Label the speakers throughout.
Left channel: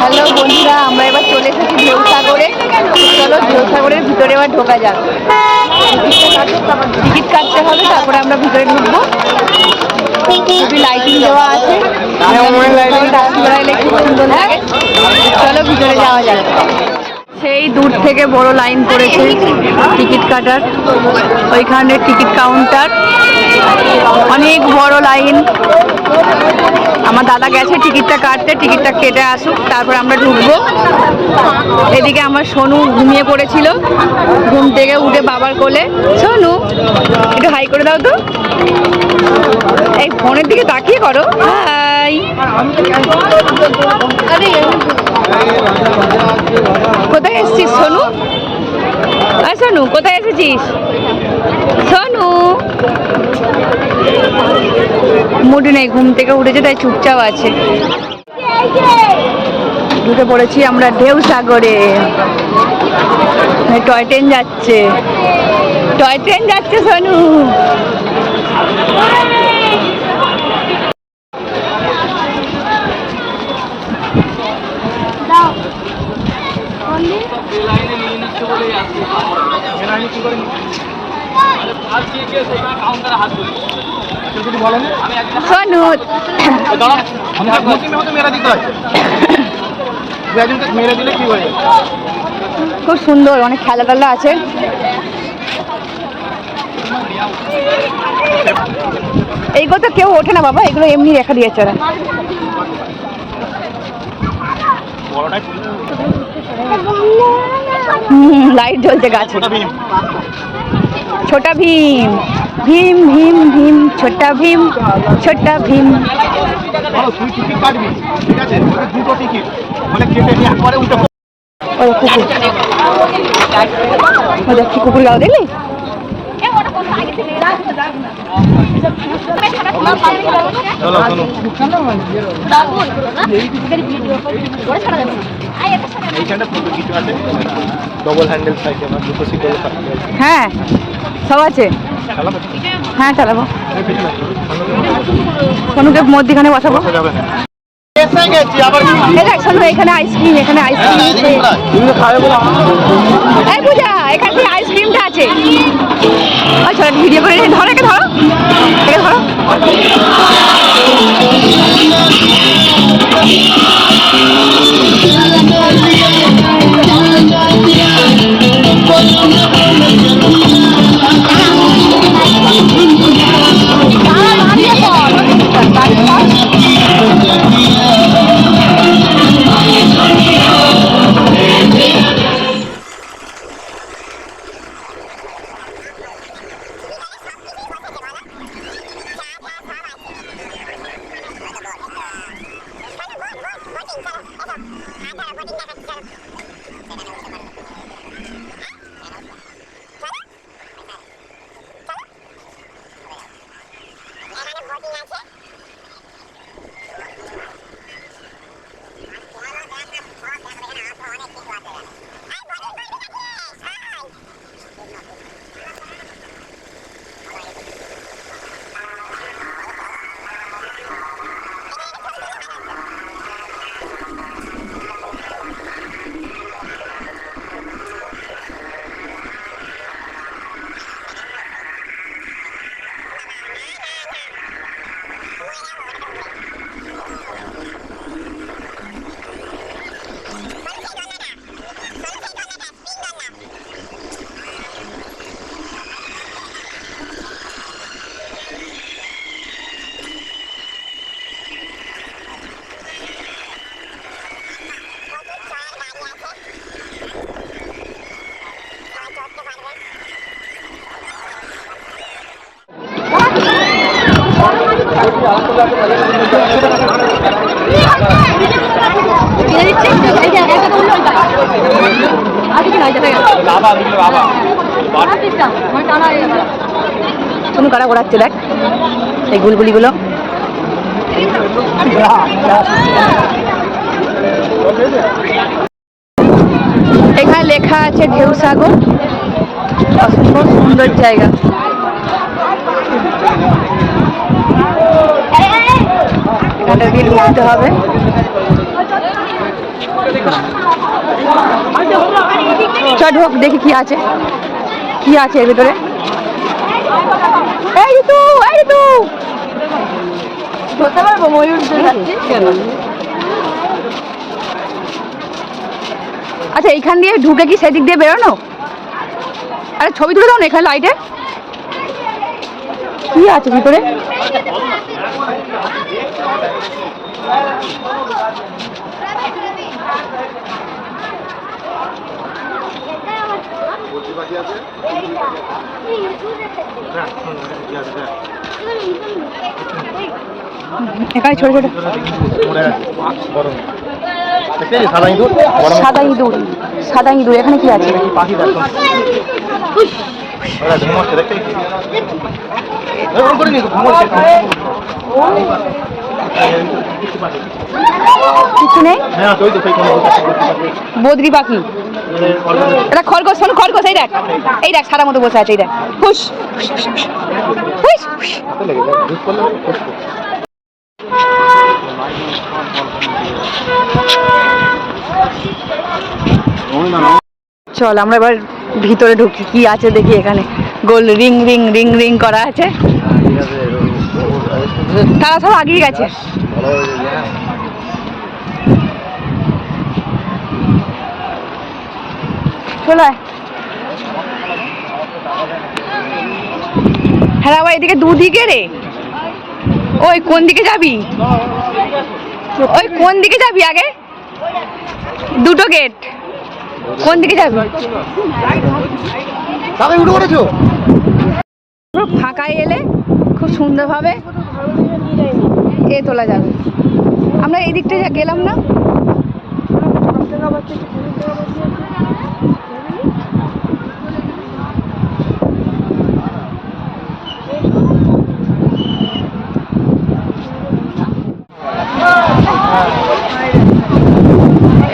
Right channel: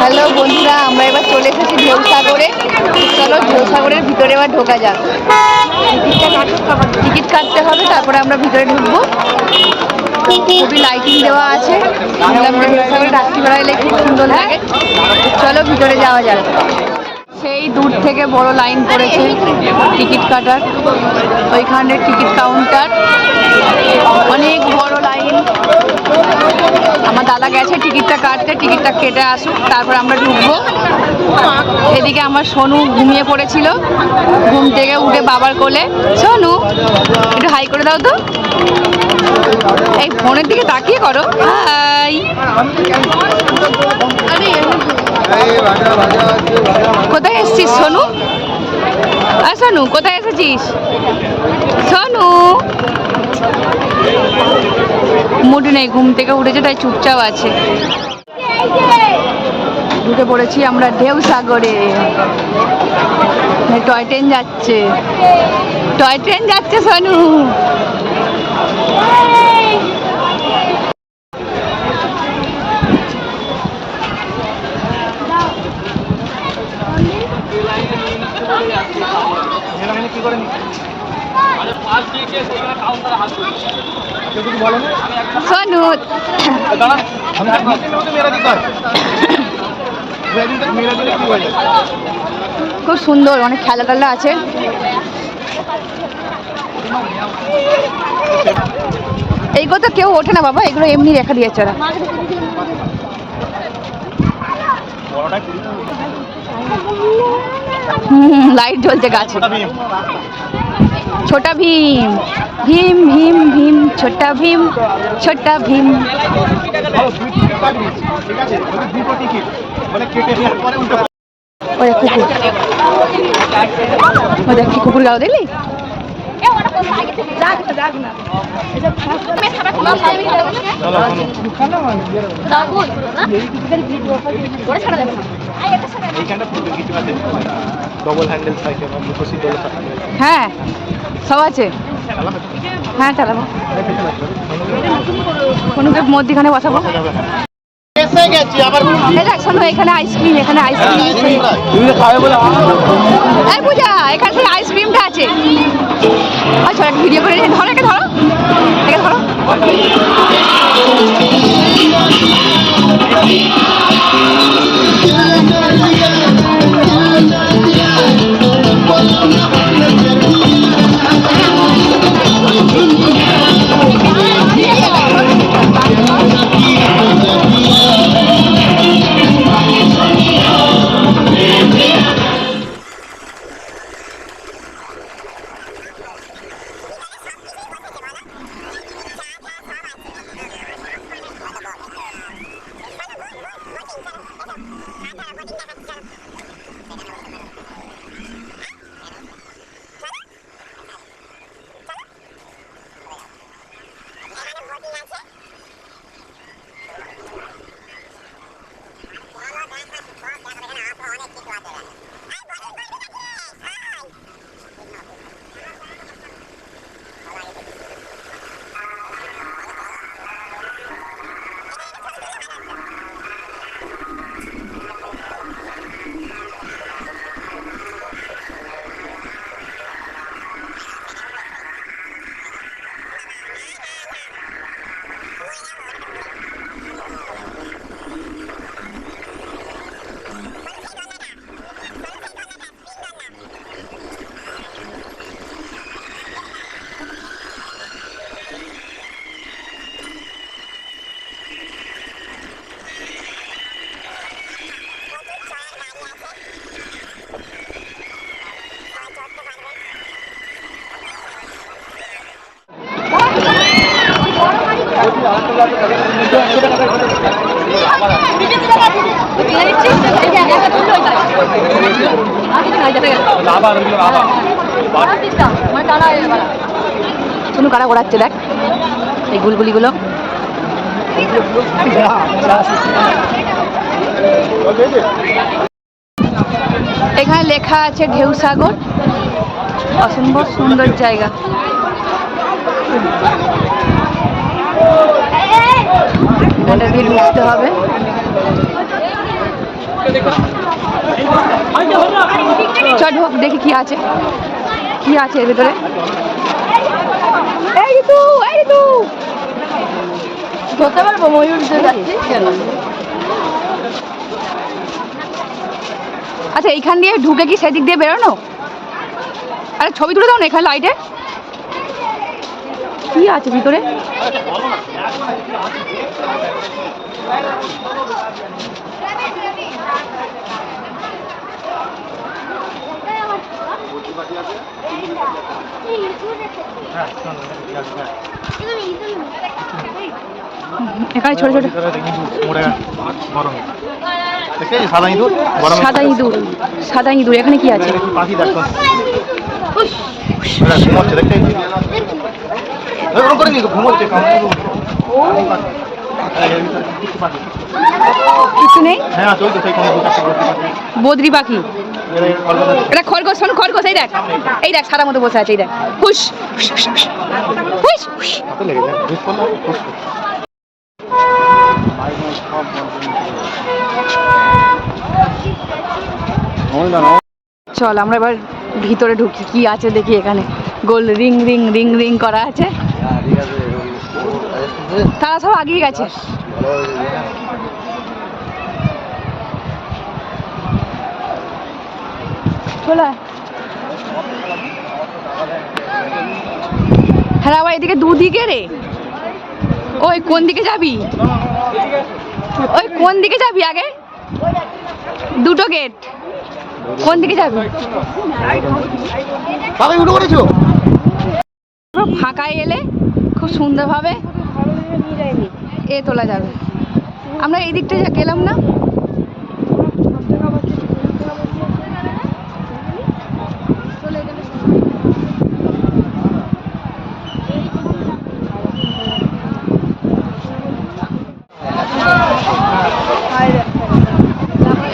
Speaker 1: Hello বন্ধুরা, আমরা এবার চলে এসেছি ঢেউ সাগরে চলো ঢেউ সাগরের ভিতরে এবার ঢোকা যাক। টিকিট কাটতে হবে, তারপরে আমরা ভিতরে ঢুকবো। খুবই লাইটিং দেওয়া আছে। শুনলাম যে ঢেউসাগরে রাত্রিবেলা এলে খুব সুন্দর লাগে। চলো ভিতরে যাওয়া যাক। সেই দূর থেকে বড় লাইন পড়েছে টিকিট কাটার। ওইখানে টিকিট কাউন্টার। অনেক বড় লাইন। আমার দাদা গেছে টিকিটটা কাটতে, টিকিটটা কেটে আসুক, তারপর আমরা ঢুকবো। এদিকে আমার সোনু ঘুমিয়ে পড়েছিল। ঘুম থেকে উঠে বাবার কোলে, সোনু, একটু হাই করে দাও তো। এই ফোনের দিকে তাকিয়ে করো। হাই। কোথায় এসেছিস, সোনু? আর সোনু, কোথায় এসেছিস? সোনু? মুড নেই, ঘুম থেকে উঠেছে, তাই চুপচাপ আছে। ঢুকে পড়েছি আমরা ঢেউ সাগরে টয় ট্রেন যাচ্ছে। টয় ট্রেন যাচ্ছে, সোনু। খুব সুন্দর, অনেক খেলা টেলা আছে। এইগুলো তো কেউ ওঠে না বাবা, এগুলো এমনি রেখা দিয়েছে ওরা। হুম লাইট জ্বলছে গাছে। ছোটা ভীম। ভীম ভীম ভীম ছোটা ভীম ছোটা ভীম। ও দেখ কি কুকুর গাও দেখলি? হ্যাঁ সব আছে। হ্যাঁ চালাবো সোনুকে মধ্যখানে বসাবো। এখানে আইসক্রিম এখানে আইসক্রিম
Speaker 2: বলে
Speaker 1: এই পূজা এখানে থেকে আইসক্রিমটা আছে। আচ্ছা ভিডিও করে। ধরো একে ধরো এটা ধরো সোনু কারা ঘোরাচ্ছে, দেখ। এই গুলগুলিগুলো এখানে লেখা আছে ঢেউ সাগর। অসম্ভব সুন্দর জায়গা। এখানটা দিয়ে ঢুকতে হবে। চল ঢোক, দেখি কি আছে। কি আছে এর ভিতরে? এই আচ্ছা এইখান দিয়ে ঢুকে কি সেদিক দিয়ে বেরোনো? আরে, ছবি তুলে দাও না এখানে লাইটে কি আছে ভিতরে? এখানে ছোট ছোট।
Speaker 2: সাদা ইঁদুর
Speaker 1: সাদা ইঁদুর এখানে কি আছে? কিছু নেই? বদ্রি পাখি। এটা খরগোশ শোন খরগোশ এই দেখ এই দেখ সাদা মতো বসে আছে এই দেখ হুস হুস, চল আমরা এবার ভিতরে ঢুকি কি আছে দেখি এখানে। গোল রিং রিং রিং রিং করা আছে। তারা সব আগিয়ে গেছে। চলে। হ্যাঁ বাবা এদিকে দুদিকে রে। ওই কোন দিকে যাবি? ওই কোন দিকে যাবি আগে? দুটো গেট কোন দিকে যাবি? পুরো ফাঁকায় এলে খুব সুন্দরভাবে এ তোলা যাবে। আমরা এই দিকটা যা গেলাম না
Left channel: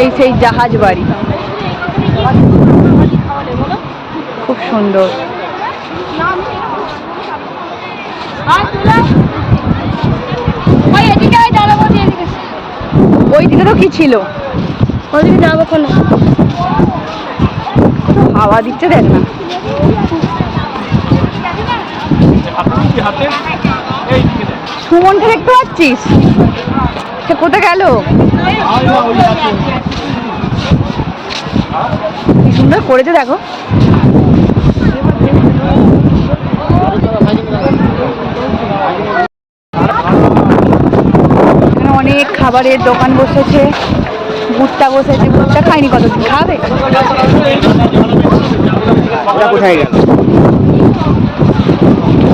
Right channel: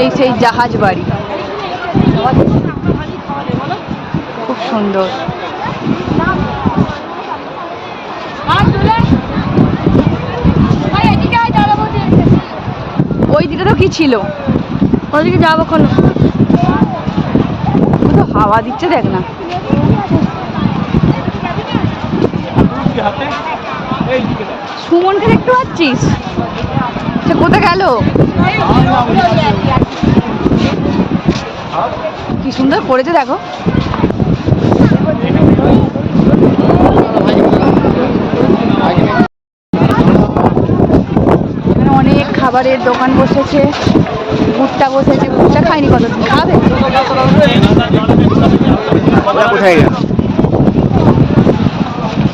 Speaker 1: এই সেই জাহাজ বাড়ি। খুব সুন্দর। ওই দিকে তো কি ছিল? ওইদিকে যাব কোন হাওয়া দিচ্ছে দেখ না। সুমনকে দেখতে পাচ্ছিস? সে কোথায় গেল? কি সুন্দর করেছে, দেখো। অনেক খাবারের দোকান বসেছে, ভুট্টা বসেছে। ভুট্টা খাইনি কতদিন, খাবে?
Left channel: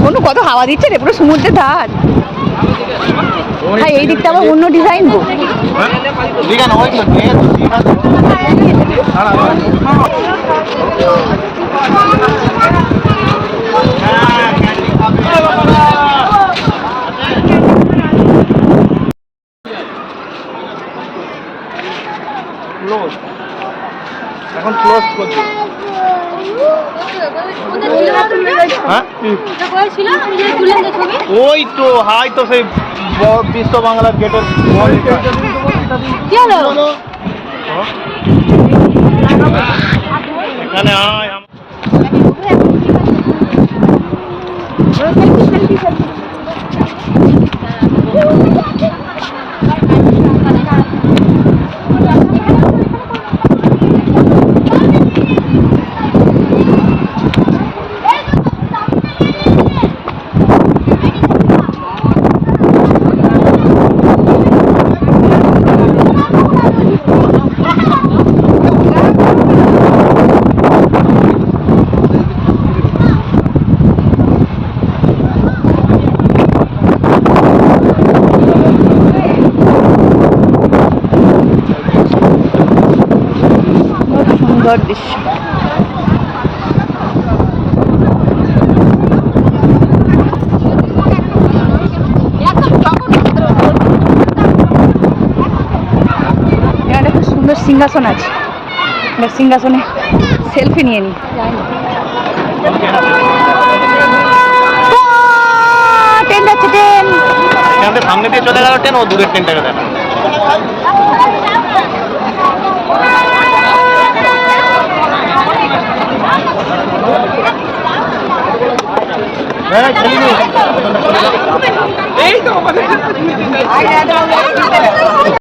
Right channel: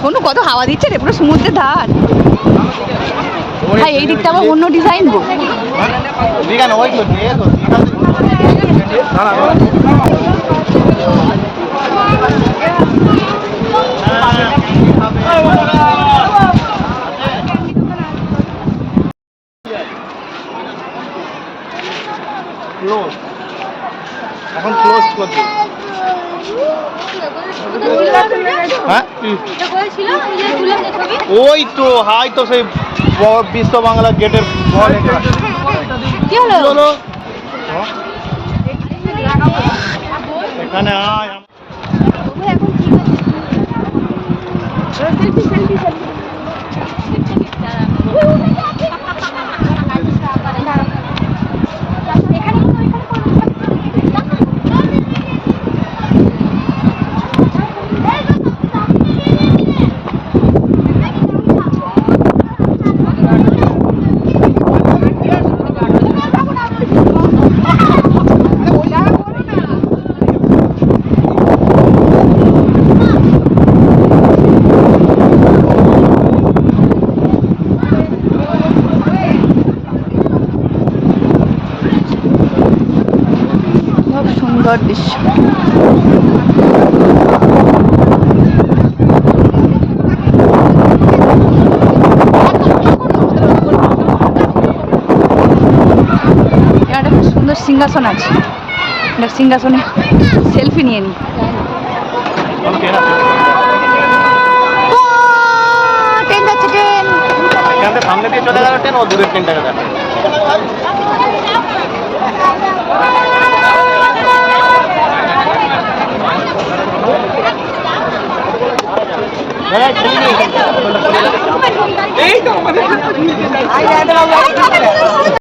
Speaker 1: কোনো কত হাওয়া দিচ্ছে রে, পুরো সমুদ্রের ধার। হ্যাঁ এই দিকটা আবার অন্য ডিজাইন গো।
Speaker 2: ওই তো ক্লোজ এখন ক্লোজ করছি ওই তো হাই তো সেই বিশ্ব বাংলা গেটের।
Speaker 1: কি হলো
Speaker 2: হ্যাঁ? এখানে আয় আম-
Speaker 1: খুব সুন্দর দৃশ্য। সুন্দর সিংহাসন আছে। এবার সিংহাসনে সেলফি নিয়ে নি। ট্রেন যাচ্ছে ট্রেন
Speaker 2: এখান থেকে সামনে দিয়ে চলে গেল ট্রেন, ও দূরের ট্রেনটাকে দেখা।
Speaker 3: এই তো আমাদের